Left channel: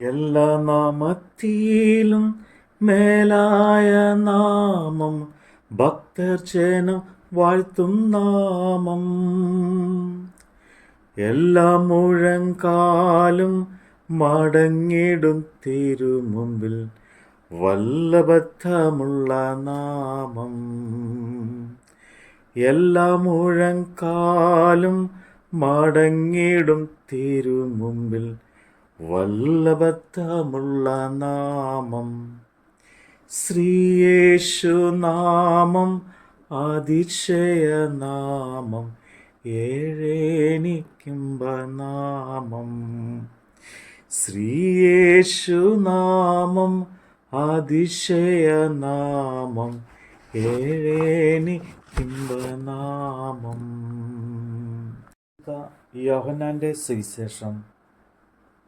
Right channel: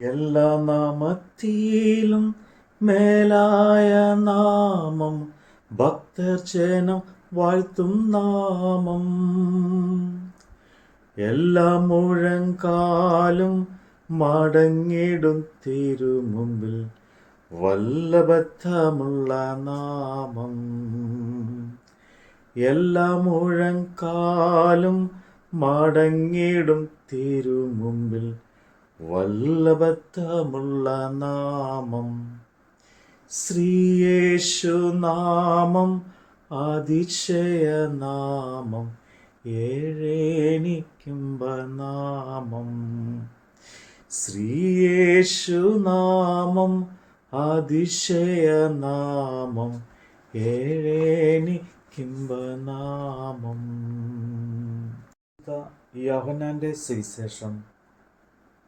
എല്ലാ നാമത്തിലും മേലായ നാമം, ഭക്തർ ജനം വാഴ്ത്തും നാമം. എല്ലാ മുഴങ്കാലും മടങ്ങിടും തിരുമുമ്പിൽ, വല്ലഭത്വമുള്ള നാമം. എല്ലാ മുഴങ്കാലും മടങ്ങിടും തിരുമുമ്പിൽ, വല്ലഭത്വമുള്ള നാമം. ശ്രീയേശു നാമം അതിശയ നാമം, ഏഴേനിക്കുംബനാമം. ശ്രീയേശു നാമം അതിശയ നാമം, ഏഴേനിക്കുംബനാമം. യോഹന്നാന്റെ സുവിശേഷം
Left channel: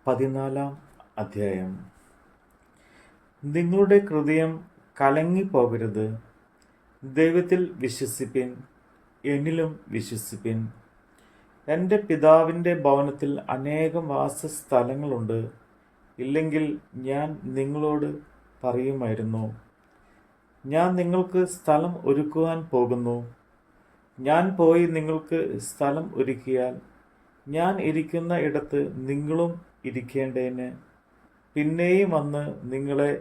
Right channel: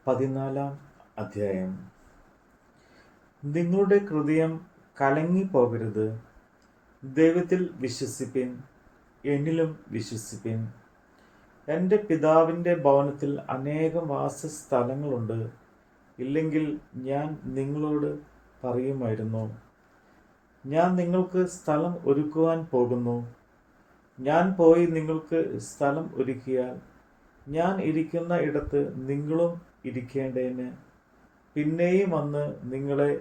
14 അധ്യായം. നിങ്ങളുടെ ഹൃദയം കലങ്ങിപ്പോകരുത്. ദൈവത്തിൽ വിശ്വസിപ്പിൻ, എന്നിലും വിശ്വസിപ്പിൻ. എൻ്റെ പിതാവിൻ്റെ ഭവനത്തിൽ അനേകം വാസസ്ഥലങ്ങളുണ്ട്. ഇല്ലെങ്കിൽ ഞാൻ നിങ്ങളോട് പറയുമായിരുന്നു. ഞാൻ നിങ്ങൾക്ക് സ്ഥലം ഒരുക്കുവാൻ പോകുന്നു. ഞാൻ പോയി നിങ്ങൾക്ക് സ്ഥലം ഒരുക്കിയാൽ ഞാൻ ഇരിക്കുന്ന ഇടത്ത് നിങ്ങളും ഇരിക്കേണ്ടതിന് പിന്നെയും വന്ന് നിങ്ങളെ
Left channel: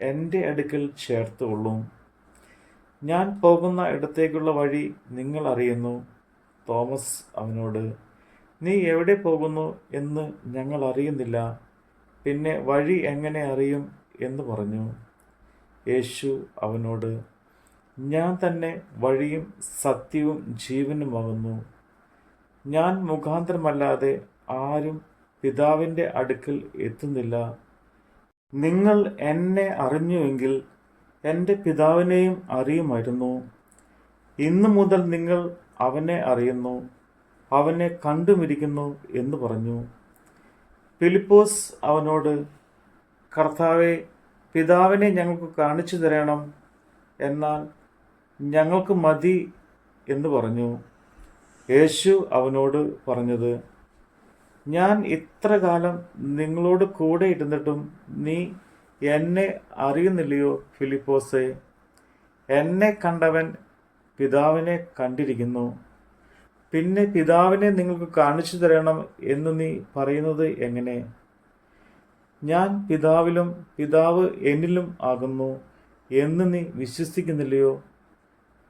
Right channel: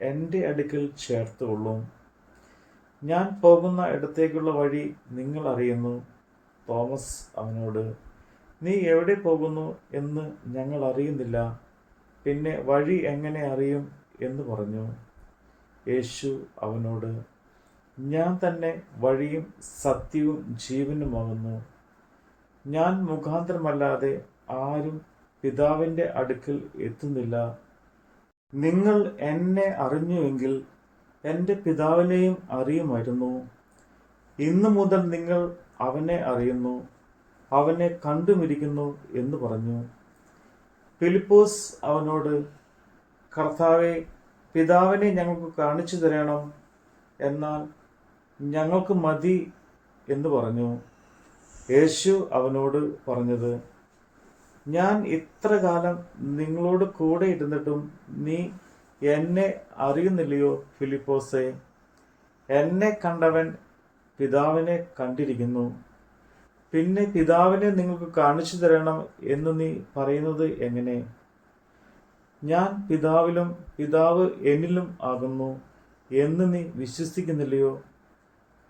എൻ്റെ അടുക്കൽ ചേർത്തുകൊള്ളും. ഞാൻ പോകുന്ന ഇടത്തേക്കുള്ള വഴി നിങ്ങൾ അറിയുന്നു. തോമസ് അവനോട്, നീ എവിടെ പോകുന്നു എന്ന് ഞങ്ങൾ അറിയുന്നില്ല, പിന്നെ വഴി എങ്ങനെ അറിയും എന്ന് പറഞ്ഞു. യേശു അവനോട്, ഞാൻ തന്നെ വഴിയും സത്യവും ജീവനുമാകുന്നു. ഞാൻ മുഖാന്തരമല്ലാതെ ആരും പിതാവിൻ്റെ അടുക്കൽ എത്തുന്നില്ല. നിങ്ങൾ എന്നെ അറിഞ്ഞുവെങ്കിൽ എൻ്റെ പിതാവിനെയും അറിയുമായിരുന്നു. ഇന്നു മുതൽ നിങ്ങൾ അവനെ അറിയുന്നു, അവനെ കണ്ടുമിരിക്കുന്നു എന്ന് പറഞ്ഞു. ഫിലിപ്പോസ് അവനോട്, കർത്താവേ, പിതാവിനെ ഞങ്ങൾക്ക് കാണിച്ചു തരണം, എന്നാൽ ഞങ്ങൾക്ക് മതി എന്ന് പറഞ്ഞു. യേശു അവനോട് പറഞ്ഞത്, ഞാൻ ഇത്ര കാലം നിങ്ങളോട് കൂടെ ഇരുന്നിട്ടും നീ എന്നെ അറിയുന്നില്ലയോ ഫിലിപ്പോസേ? എന്നെ കണ്ടവൻ പിതാവിനെ കണ്ടിരിക്കുന്നു. പിന്നെ പിതാവിനെ നിങ്ങൾക്ക് കാണിച്ചു തരണം എന്ന് നീ പറയുന്നത് എങ്ങനെ? ഞാൻ പിതാവിലും പിതാവ് എന്നിലും ആകുന്നു എന്ന് നീ വിശ്വസിക്കുന്നില്ലയോ?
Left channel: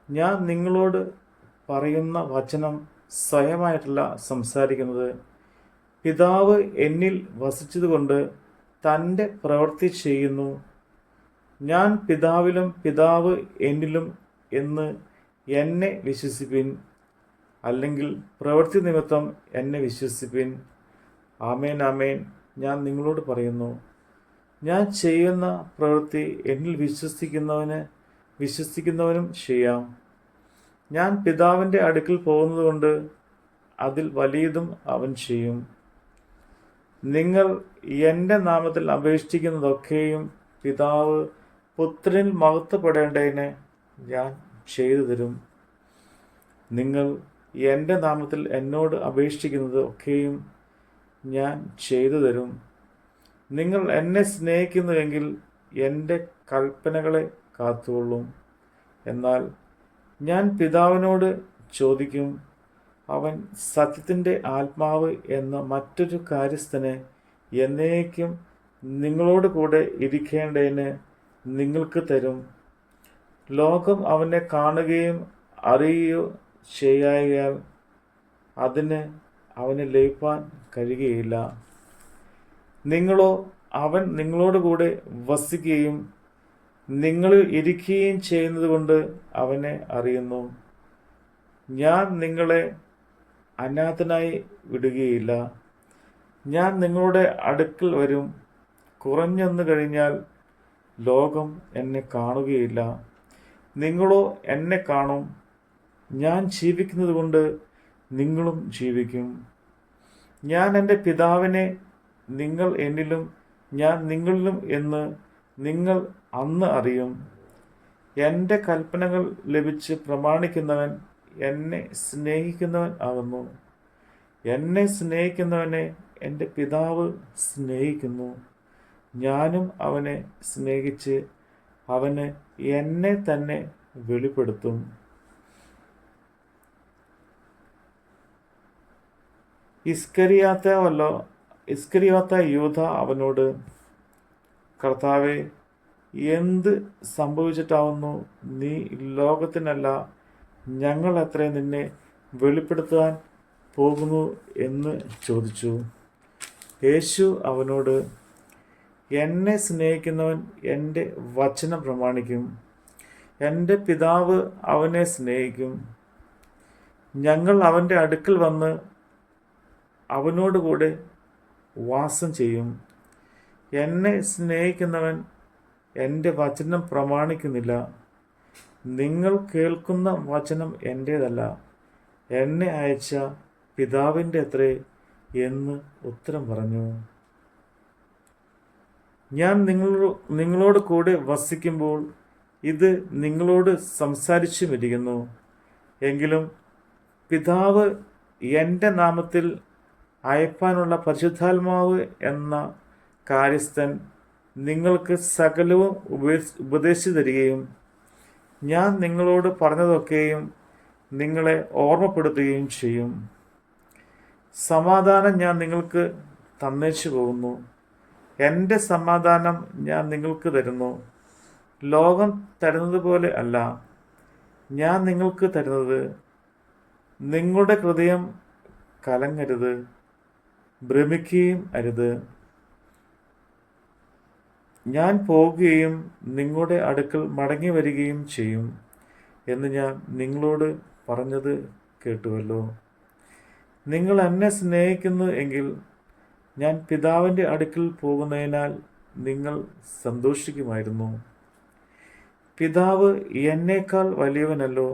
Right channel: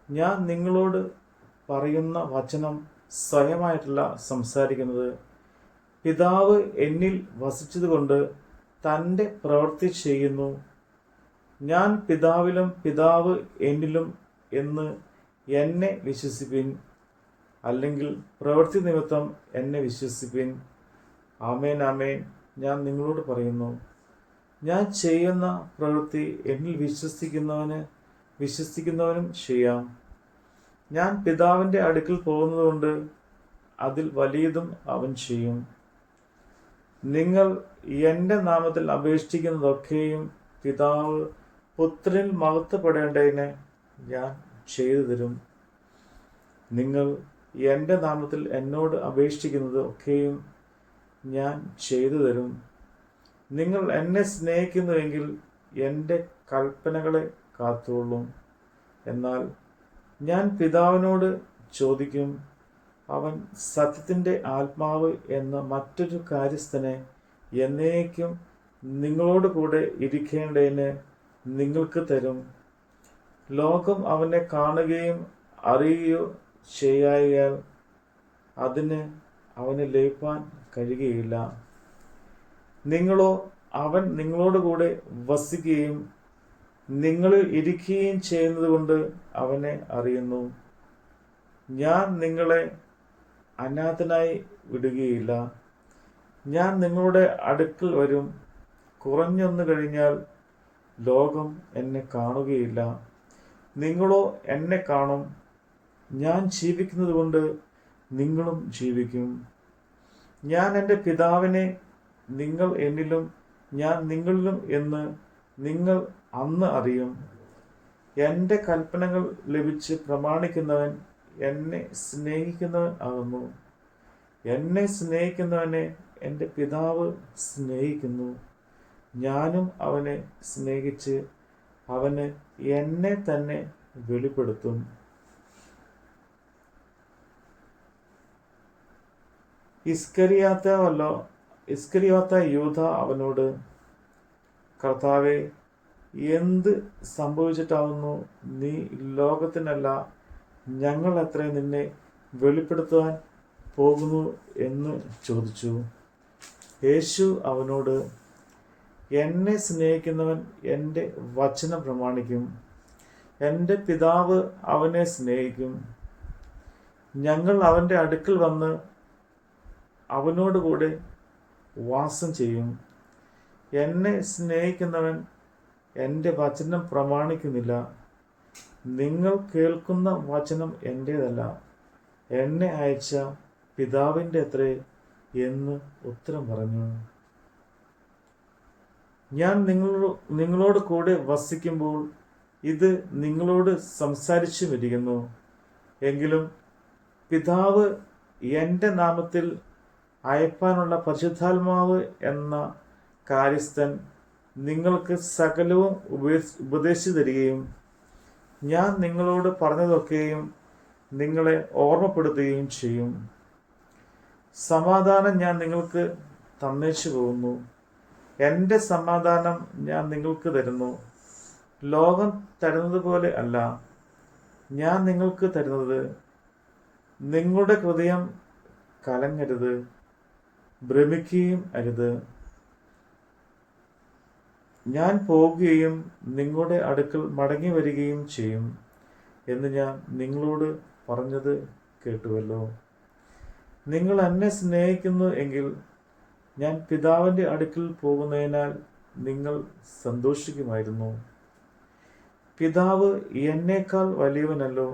ഞാൻ നിങ്ങളോട് പറയുന്ന വചനം സ്വയമായിട്ടല്ല സംസാരിക്കുന്നത്. പിതാവ് എന്നിൽ വസിച്ചതുകൊണ്ട് തൻ്റെ പ്രവൃത്തി ചെയ്യുന്നു. ഞാൻ പിതാവിലും പിതാവ് എന്നിലും എന്ന് എന്നെ വിശ്വസിപ്പിൻ, അല്ലെങ്കിൽ പ്രവൃത്തി നിമിത്തം എന്നെ വിശ്വസിപ്പിൻ. ആമേൻ ആമേൻ, ഞാൻ നിങ്ങളോട് പറയുന്നു, ഞാൻ ചെയ്യുന്ന പ്രവൃത്തി എന്നിൽ വിശ്വസിക്കുന്നവനും ചെയ്യാം. ഞാൻ പിതാവിൻ്റെ അടുക്കൽ പോകുന്നതുകൊണ്ട് അതിൽ വലിയതും അവൻ ചെയ്യും. നിങ്ങൾ എൻ്റെ നാമത്തിൽ അപേക്ഷിക്കുന്നതൊക്കെയും പിതാവ് പുത്രനിൽ മഹത്വപ്പെടേണ്ടതിന് ഞാൻ ചെയ്തു തരും. നിങ്ങൾ എൻ്റെ നാമത്തിൽ എന്നോട് അപേക്ഷിക്കുന്നത് ഒക്കെയും ഞാൻ ചെയ്തു തരും. നിങ്ങൾ എന്നെ സ്നേഹിക്കുന്നുവെങ്കിൽ എൻ്റെ കൽപ്പനകളെ കാത്തുകൊള്ളും. എന്നാൽ ഞാൻ പിതാവിനോട് ചോദിക്കും, അവൻ സത്യത്തിൻ്റെ ആത്മാവ് എന്ന മറ്റൊരു കാര്യസ്ഥനെ എന്നേക്കും നിങ്ങളോട് കൂടെ ഇരിക്കേണ്ടതിന് നിങ്ങൾക്ക് തരും. ലോകം അവനെ കാണുകയും അറിയുകയോ ചെയ്യായാൽ അതിന് അവന് ലയിപ്പാൻ കഴിയുകയില്ല. നിങ്ങളോ അവൻ നിങ്ങളോട് കൂടെ വസിക്കുകയും നിങ്ങളിൽ ഇരിക്കുകയും ചെയ്യുന്നത് കൊണ്ട് അവനെ അറിയുന്നു. ഞാൻ നിങ്ങളെ അനാഥനായി വിടുകയില്ല. ഞാൻ നിങ്ങളുടെ അടുക്കൽ വരും. കുറഞ്ഞൊന്നു കഴിഞ്ഞാൽ ലോകം എന്നെ കാണുകയില്ല, നിങ്ങളോ എന്നെ കാണും. ഞാൻ ജീവിക്കുന്നത് കൊണ്ട് നിങ്ങളും ജീവിക്കും. ഞാൻ എൻ്റെ പിതാവിനെ നിങ്ങൾ എന്നിലും ഞാൻ നിങ്ങളിലും എന്ന് നിങ്ങൾ അന്ന് അറിയും. എൻ്റെ കൽപ്പനകൾ ലഭിച്ച് പ്രമാണിക്കുന്നവൻ എന്നെ സ്നേഹിക്കുന്നവൻ ആകുന്നു. എന്നെ സ്നേഹിക്കുന്നവനെ എൻ്റെ പിതാവ് സ്നേഹിക്കുന്നു. ഞാനും അവനെ സ്നേഹിച്ച് അവന് എന്നെ തന്നെ വെളിപ്പെടുത്തും. ഇസ്കറിയാത്ത യൂദ അവനോട്, കർത്താവേ, എന്ത് സംഭവിച്ചിട്ടാവുന്നു നീ ലോകത്തിനല്ല ഞങ്ങൾ എത്ര നിന്നെ വെളിപ്പെടുത്താൻ പോകുന്നു എന്ന് ചോദിച്ചു. യേശു അവനോട്, എന്നെ സ്നേഹിക്കുന്നവൻ എൻ്റെ വചനം പ്രമാണിക്കും. എൻ്റെ പിതാവ് അവനെ സ്നേഹിക്കും. ഞങ്ങൾ അവൻ്റെ അടുക്കൽ വന്ന് അവനോടുകൂടെ വാസം ചെയ്യും. എന്നെ സ്നേഹിക്കുന്നവൻ എൻ്റെ വചനം പ്രമാണിക്കുന്നില്ല. നിങ്ങൾ കേൾക്കുന്ന വചനം എൻ്റേതല്ല, എന്നെ അയച്ച പിതാവിൻ്റെ അത്രേ എന്ന് ഉത്തരം പറഞ്ഞു. ഞാൻ നിങ്ങളോട് കൂടെ വസിക്കുമ്പോൾ ഇത് നിങ്ങളോട് സംസാരിച്ചുമിരിക്കുന്നു. എങ്കിലും പിതാവ് എൻ്റെ നാമത്തിൽ അയപ്പാനുള്ള പരിശുദ്ധാത്മാവ് എന്ന കാര്യസ്ഥൻ നിങ്ങൾക്ക് സകലവും ഉപദേശിച്ചു തരികയും ഞാൻ നിങ്ങളോട് പറഞ്ഞതൊക്കെയും നിങ്ങളെ ഓർമ്മപ്പെടുത്തുകയും ചെയ്യും. സമാധാനം ഞാൻ നിങ്ങൾക്ക് തന്നേച്ചു പോകുന്നു. എൻ്റെ സമാധാനം ഞാൻ നിങ്ങൾക്ക് തരുന്നു. ലോകം തരുന്നത് പോലെ അല്ല ഞാൻ നിങ്ങൾക്ക് തരുന്നത്. നിങ്ങളുടെ ഹൃദയം കലങ്ങരുത്, ഭ്രമിക്കുകയും അരുത്. ഞാൻ പോകുകയും നിങ്ങളുടെ അടുക്കൽ മടങ്ങി വരികയും ചെയ്യും എന്ന് ഞാൻ നിങ്ങളോട് പറഞ്ഞത് കേട്ടുവല്ലോ. നിങ്ങൾ എന്നെ സ്നേഹിക്കുന്നു എങ്കിൽ ഞാൻ പിതാവിൻ്റെ അടുക്കൽ പോകുന്നതിനാൽ നിങ്ങൾ സന്തോഷിക്കുമായിരുന്നു. പിതാവ് എന്നേക്കാൾ വലിയവനല്ലോ.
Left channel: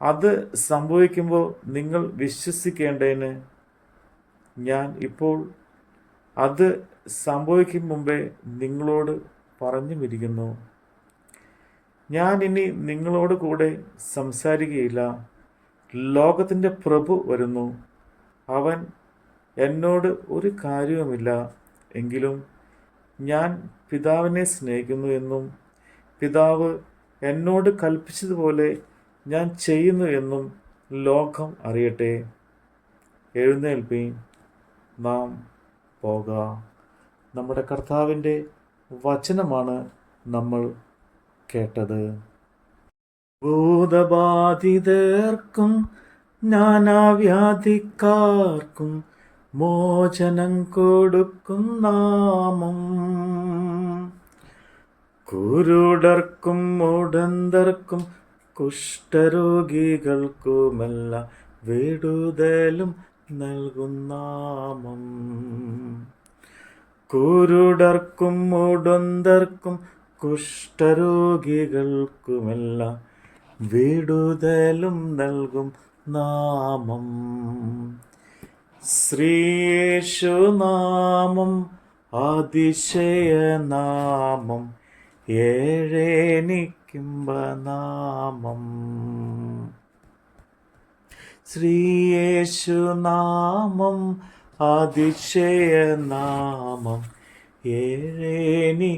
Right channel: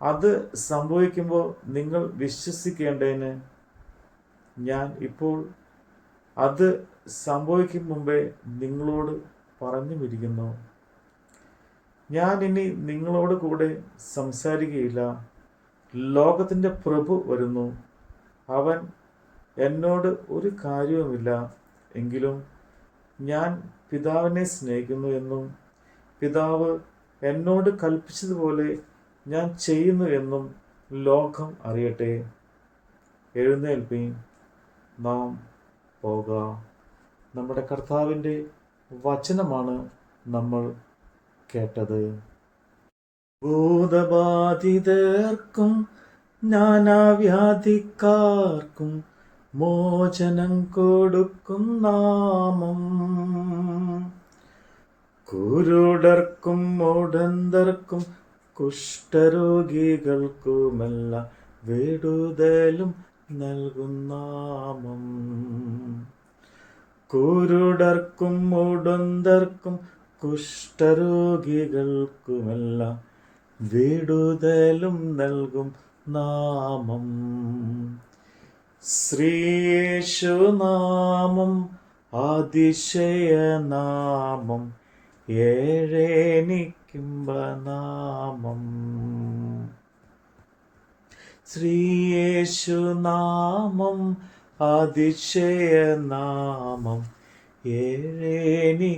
അത് സംഭവിക്കുമ്പോൾ നിങ്ങൾ വിശ്വസിക്കേണ്ടതിന് ഞാൻ ഇപ്പോൾ അത് സംഭവിക്കും മുമ്പേ നിങ്ങളോട് പറഞ്ഞുമിരിക്കുന്നു. ഞാൻ ഇനി നിങ്ങളോട് കൂടെ സംസാരിക്കുകയില്ല. ലോകത്തിൻ്റെ പ്രഭു വരുന്നു. അവൻ എന്നോട് ഒരു കാര്യവുമില്ല. എങ്കിലും ഞാൻ പിതാവിനെ സ്നേഹിക്കുന്നു എന്നും പിതാവ് എന്നോട് കൽപ്പിച്ചതുപോലെ ഞാൻ ചെയ്യുന്നു എന്നും ലോകം അറിയട്ടെ. എഴുന്നേൽപ്പീൻ, നാം പോകാം. നമ്മുടെ കർത്താവിൻ്റെ വചനമാണ് നമ്മൾ കേട്ടത്. ഭൂതബാധിതർക്കും നാനാവ്യാധിക്കാർക്കും മോചനം കൊടുക്കും നാമം. കുരുടർക്കും മുടന്തർക്കും കുഷ്ഠരോഗികൾക്കുമെല്ലാം വിടുതലും നൽകും നാമം. കുരുടർക്കും മുടന്തർക്കും കുഷ്ഠരോഗികൾക്കുമെല്ലാം വിടുതലും നൽകും നാമം. ശ്രീയേശുനാമം അതിശയനാമം, ഏഴേനിക്കുംബനാമം. ശ്രീയേശുനാമം അതിശയനാമം, ഏഴേനിക്കുംബനാമം.